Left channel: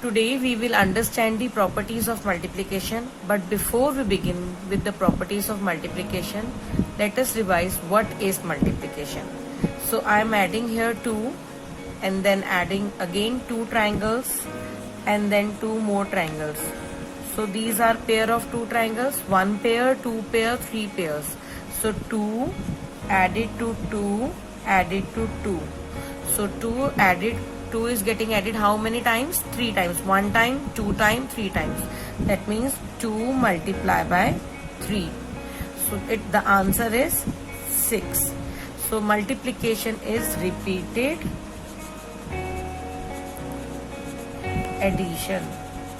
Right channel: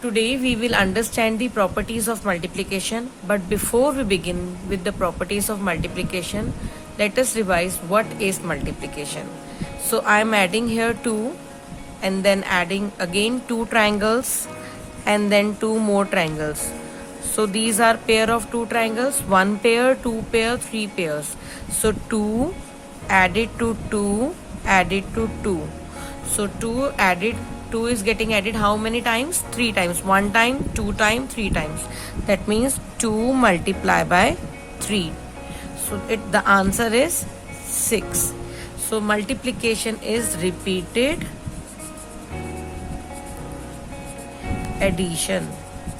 Today we will understand the properties of multiplication, but before we begin with the properties of multiplication, let us revise what is multiplication. So I am adding here 2 and then adding again 2 triangles and then 2 more triangles. So these are pair of 2 triangles, 1 pair, 2 pair, 3 pairs. So 2 added to 2 added to 2. So 2 is getting added how many times? 3 times. 1 time, 2 times, 3 times. That means 2 multiplied by 3. So the answer is 6. So multiplication is repeated addition.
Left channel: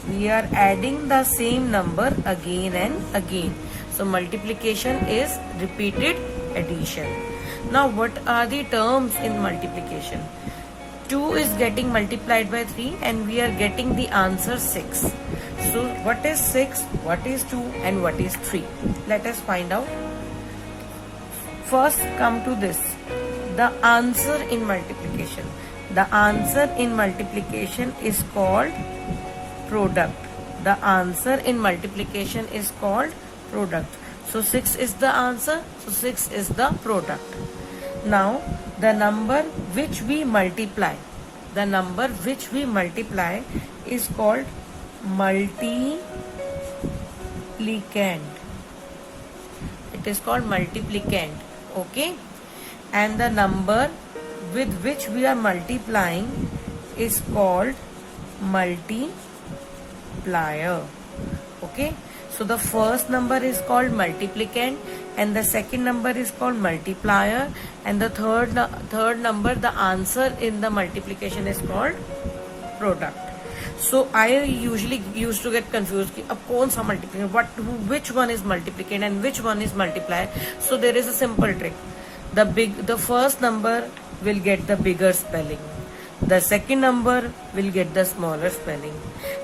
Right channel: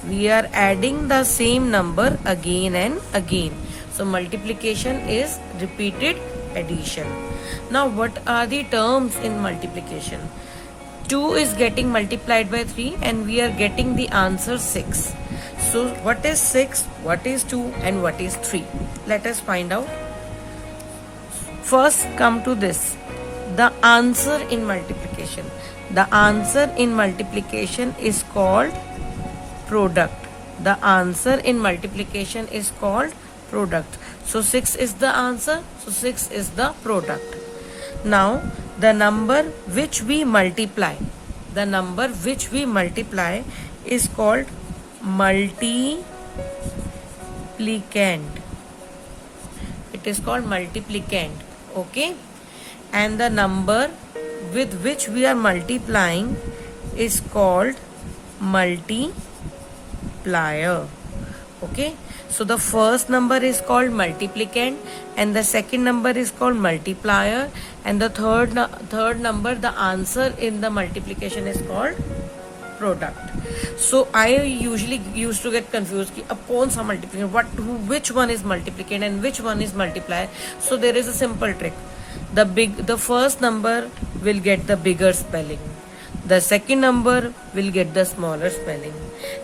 We are adding the same number again and again. So multiplication is repeated addition. Now what are the terms in multiplication? 2 is getting multiplied by 3 and we are getting the answer 6. So what is 6, what is 2 and what is 3? Let us find out. First come to this, the answer in multiplication. The answer in multiplication is called product. The answer in multiplication is called product. So 6 is the answer, so 6 is the product. Now the number which we multiply, is called multiplicand. It is called multiplicand, okay? And the number with which we are multiplying is called multiplier, okay? So the first number is called multiplicand and the second number is called multiplier, and the third number, the answer in the multiplication, is called product. So I usually used to get confused कि अब कौन सा multiplication, which one is multiplicand and which one is multiplier. So there is a simple trick. The first number will get the bigger spelling, the second number will get the smaller spelling,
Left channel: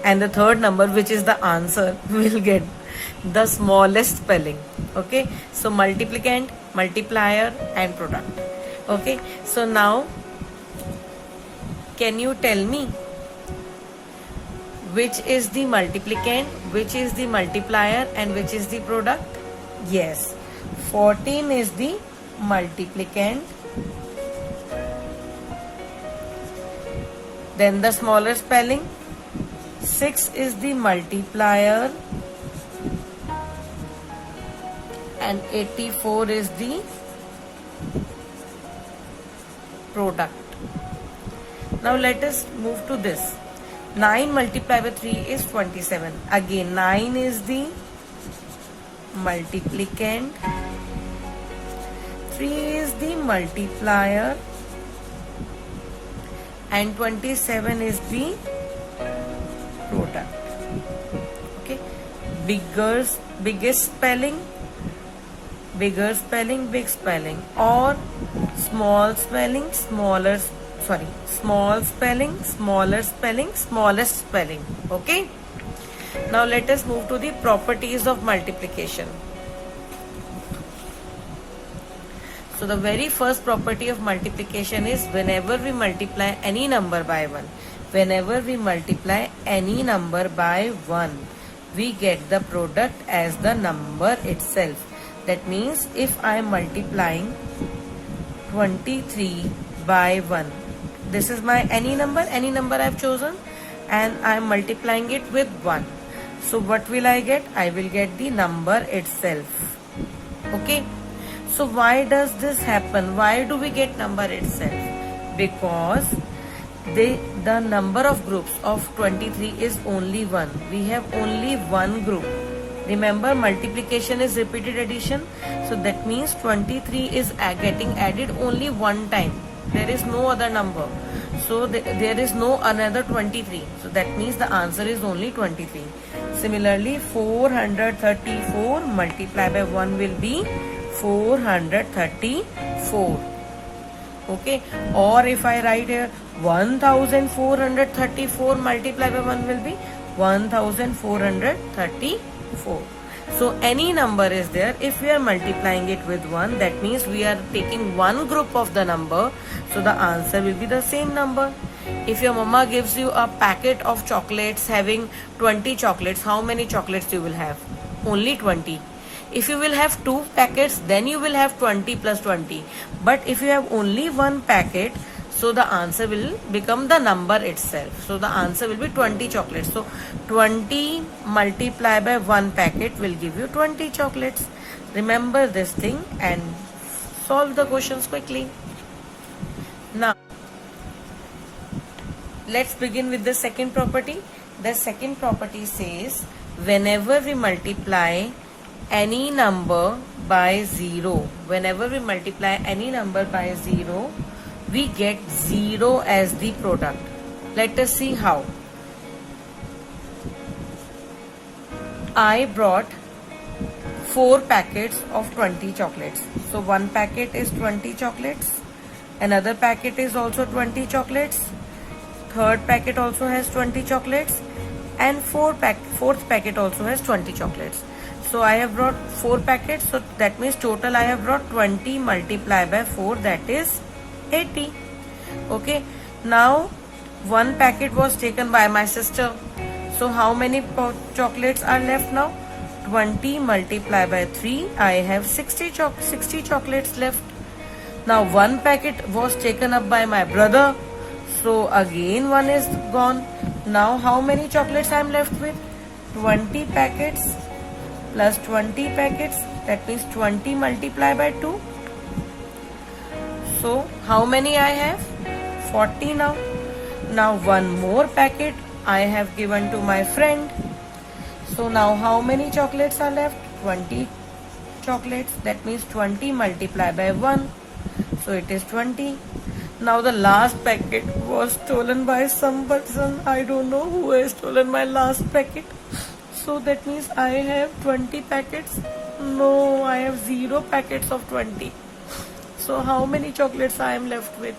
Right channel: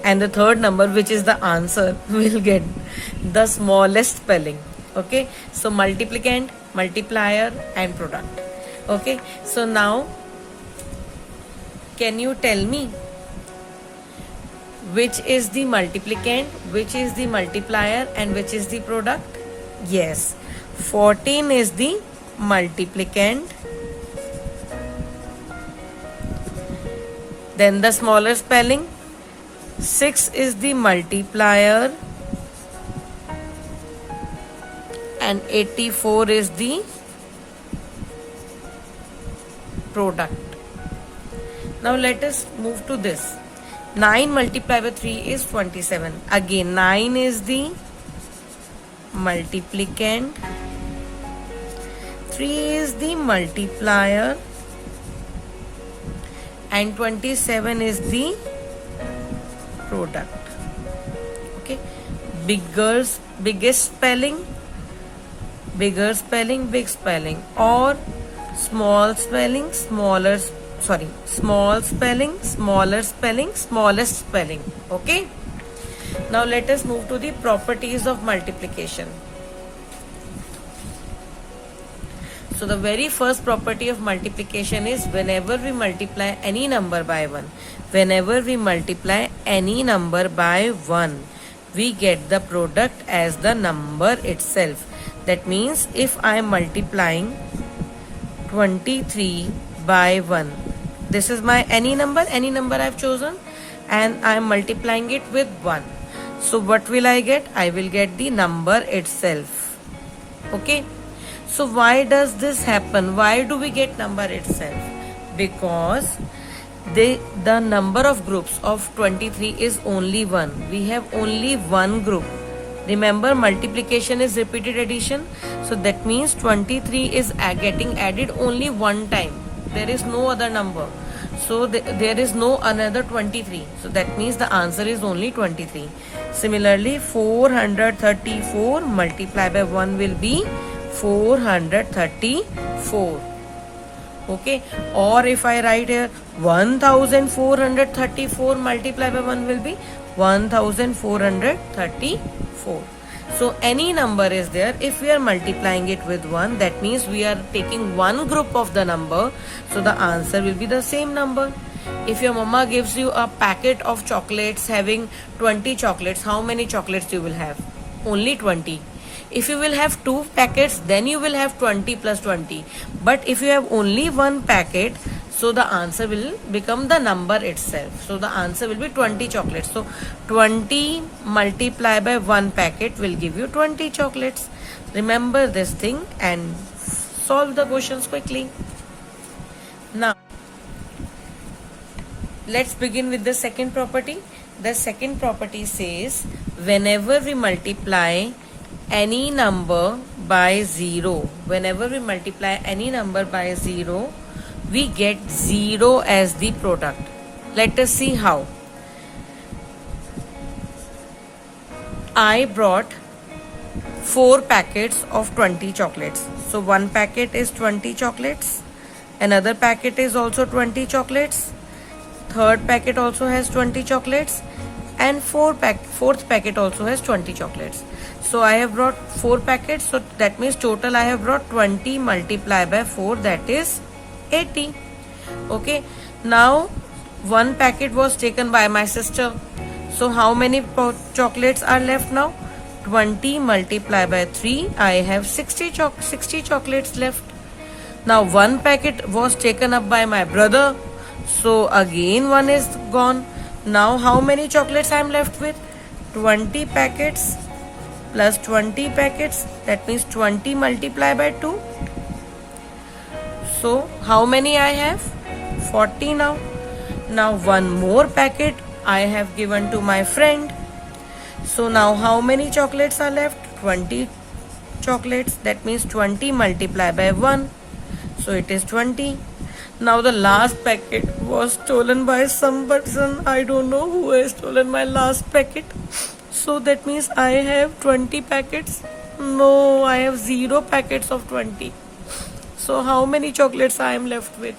and the third number, which is the answer, will get the smallest spelling, okay? So multiplicand, multiplier and product, okay? So now can you tell me which is the multiplicand, which is the multiplier and which is the product? Yes, 14 is the multiplicand, then the smaller spelling, 6 is the multiplier and 84 is the product. Now let us move to this. 9 multiplied by 3 is 27. Again 9 is the multiplicand, 3 is the multiplier and 27 is the product, okay? Biggest spelling, big spelling, or small spelling, small spelling, smallest spelling, okay? Now let us move to the properties of multiplication. So the very first property of multiplication is whenever we multiply any number by 1, we get the product as the number itself. That means if I am multiplying 23 by 1, this is my any number I have chosen, and I am multiplying it with 1. So what will I get? I will get the number itself, okay? So why does this happen? Why do we get number itself? Because the number of groups of 23 is only 1. We have only one group. Remember, multiplication is repeated addition. So that means 23 is getting added only one time. There is no other number. So there is no another 23. So that means the answer is only 23. Similarly, 434 multiplied by 1 will be 434, okay? Or if I write here 1434 multiplied by 1 will be 1434. So any number is there. If we are multiplying it with 1, that means we are taking one group of the number. So the answer will be the same number. If your mama gives you a packet of chocolates having 20 chocolates, how many chocolates you will have? Only 20. If you will have 2 packets, then you will have 20 plus 20. But if you have only 1 packet, so the answer will become the number itself. So the answer will be 20 chocolates. So 20 multiplied by 1 packet will give you 20 chocolates. Remember this thing and solve the questions quickly. Now, let's begin with the second property. The second property says whenever we multiply any number by 0, whenever we multiply any number by 0, we get 0 as the product. Let us see how. I brought 4 packets of 20 chocolates. So one packet is 20 chocolates. Another packet is also 20 chocolates. Third packet also has 20 chocolates. And fourth packet also has 20 chocolates. So I have brought 4 packets. So that means total I have brought 20 multiplied by 4, that is 80. Okay. Now one packet was taken by my sister. So how many chocolates are left now? 20 multiplied by 3, I have 60 chocolates left. Now one packet was taken up by my brother. So again one is gone. Now how many chocolates I am left with? 20 packets plus 20 packets, that means 20 multiplied by 2. So how many I have? 40 now. Now one more packet I have given to my friend. So now how many chocolates are left? 20 chocolates, that means 20 multiplied by 1. So it is 20. Now the last packet was stolen by some person. I don't know who has stolen my last packet. So that means I have 20 packets. No, I have 0 packets of 20. So how many chocolates I am left with?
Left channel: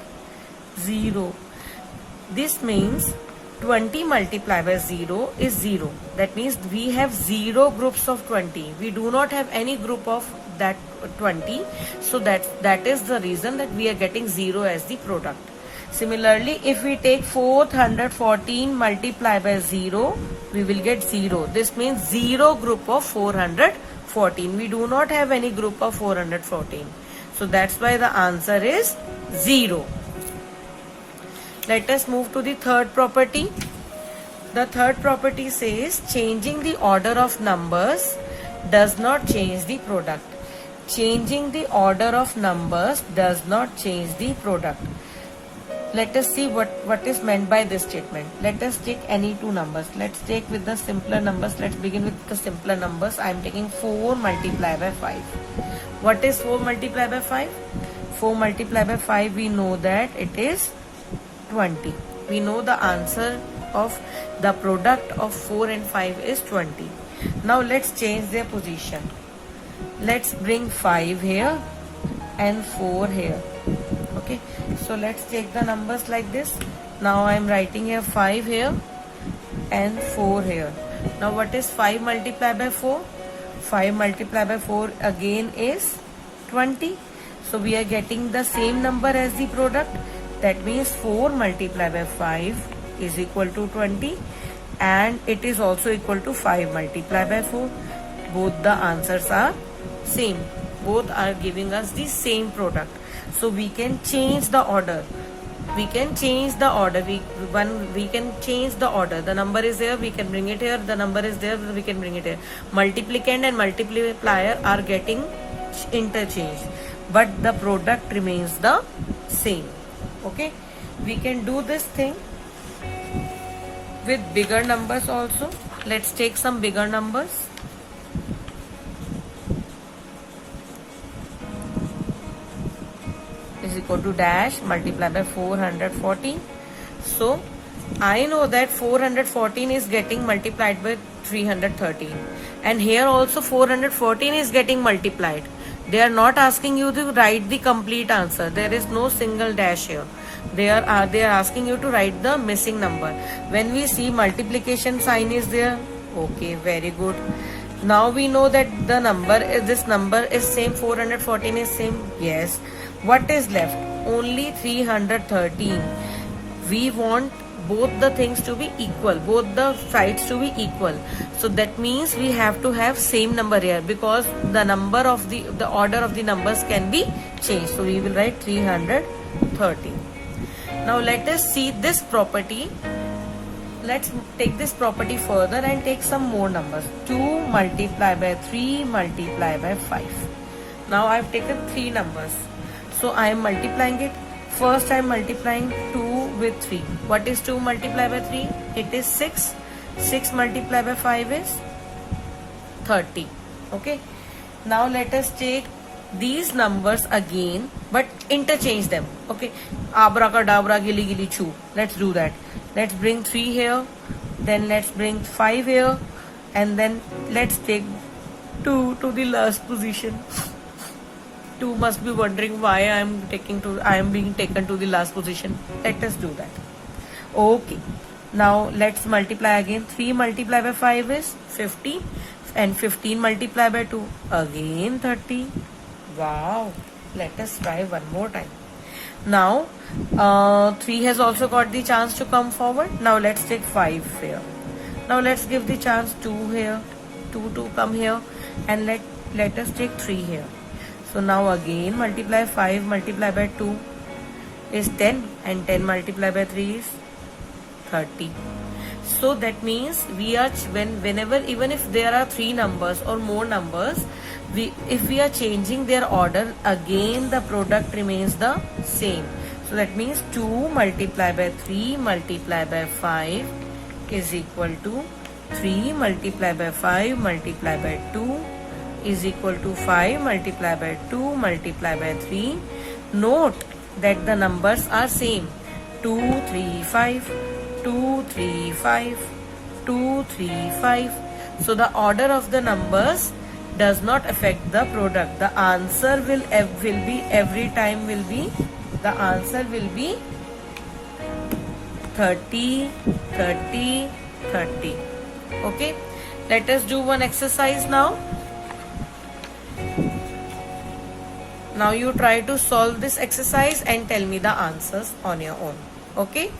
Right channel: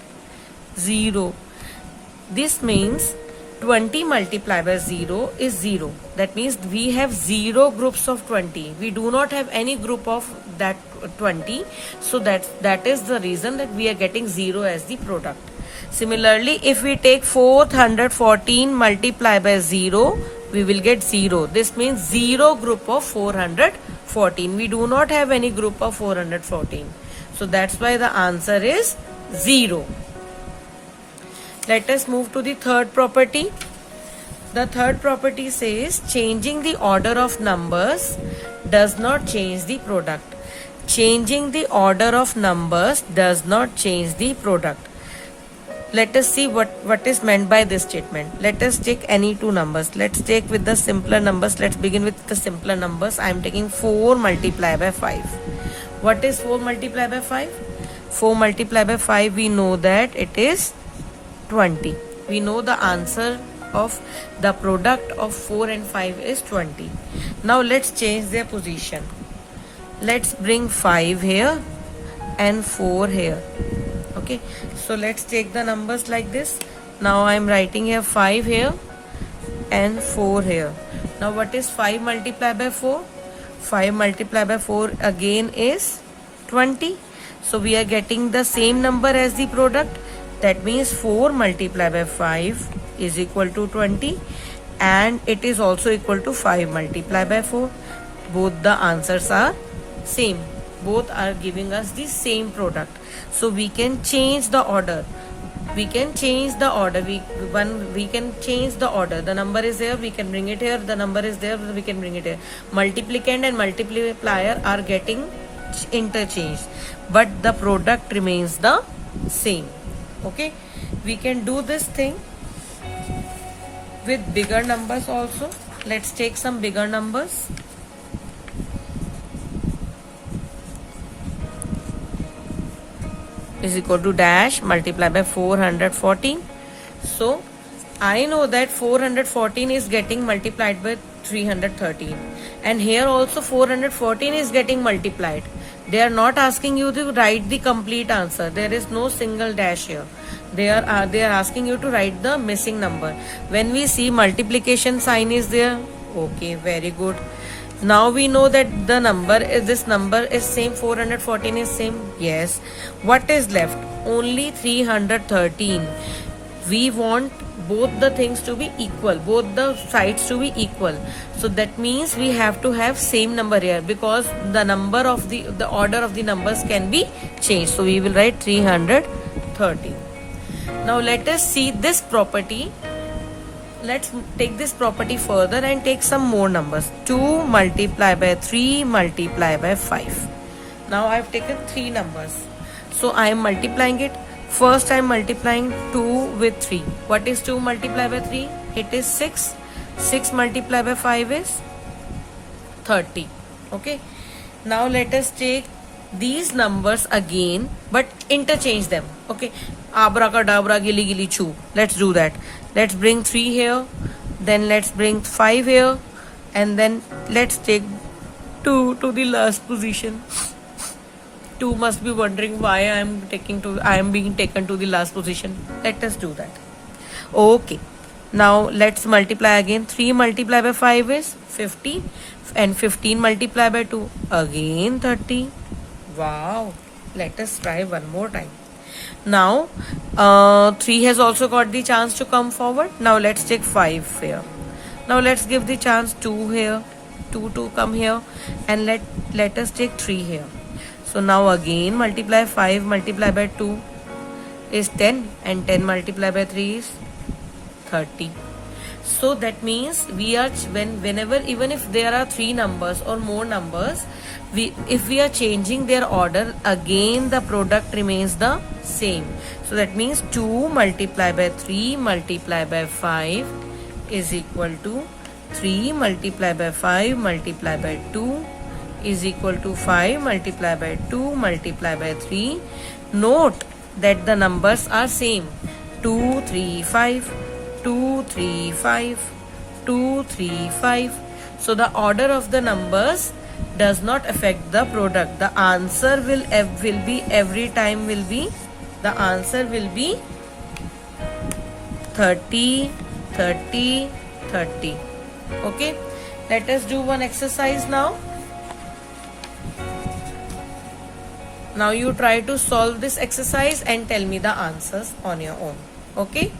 0. This means 20 multiplied by 0 is 0. That means we have 0 groups of 20. We do not have any group of that 20. So that is the reason that we are getting 0 as the product. Similarly, if we take 414 multiplied by 0, we will get 0. This means 0 group of 414. We do not have any group of 414. So that's why the answer is 0. Let us move to the third property. The third property says changing the order of numbers does not change the product. Changing the order of numbers does not change the product. Let us see what is meant by this statement. Let us take any 2 numbers. Let's take with the simpler numbers. Let's begin with the simpler numbers. I am taking 4 multiplied by 5. What is 4 multiplied by 5? 4 multiplied by 5, we know that it is 20. We know the answer of the product of 4 and 5 is 20. Now let's change their position. Let's bring 5 here and 4 here. Okay, so let's take the numbers like this. Now I am writing here 5 here and 4 here. Now what is 5 multiplied by 4? 5 multiplied by 4 again is 20. So we are getting the same number as the product. That means 4 multiplied by 5 is equal to 20, and it is also equal to 5 multiplied by 4. Both the answers are same. Both are giving us the same product. So we can change the order. We can change the order. We can change the order. The number is there, we can bring it here. The number is there, we can bring it here. Multiplicand and multiplier are getting interchanged, but the product remains the same. Okay, we can do this thing with bigger numbers also. Let's take some bigger numbers. Is equal to dash multiplied by 414. So I know that 414 is getting multiplied by 313, and here also 414 is getting multiplied. They are not asking you to write the complete answer. There is no single dash here. They are asking you to write the missing number. When we see multiplication sign is there, okay, very good. Now we know that the number is, this number is same, 414 is same. Yes. What is left? Only 313. we want both the things to be equal, both the sides to be equal. So that means we have to have same number here, because the number of the order of the numbers can be changed. So we will write 330. Now let us see this property. Let's take this property further and take some more numbers. 2 multiplied by 3 multiplied by 5. Now I have taken 3 numbers. So I am multiplying it. First I am multiplying 2 with 3. What is 2 multiplied by 3? It is 6. 6 multiplied by 5 is 30. Okay. Now let us take these numbers again, but interchange them. Okay. Abracadabra, gili gili choo. Let's do that. Let's bring 3 here. Then let's bring 5 here. And then let's take 2 to the last position. 2 must be wondering why I am being taken to the last position. Let us do that. Okay. Now let's multiply again. 3 multiplied by 5 is 50. And 15 multiplied by 2 again 30. Wow. Let us try one more time. Now 3 has also got the chance to come forward. Now let's take 5 here. Now let's give the chance 2 here. 2 to come here. And let us take 3 here. So now again multiply 5 multiplied by 2 is 10, and 10 multiplied by 3 is 30. So that means we are whenever, even if there are 3 numbers or more numbers, if we are changing their order, again the product remains the same. So that means 2 multiplied by 3 multiplied by 5 is equal to 3 multiplied by 5 multiplied by 2 is equal to 5 multiplied by 2 multiplied by 3. Note that the numbers are same. 2, 3, 5, 2, 3, 5, 2, 3, 5. So the order of the numbers does not affect the product. The answer will be every time will be, the answer will be 30, 30, 30. Okay. Let us do one exercise now. Now you try to solve this exercise and tell me the answers on your own. Okay.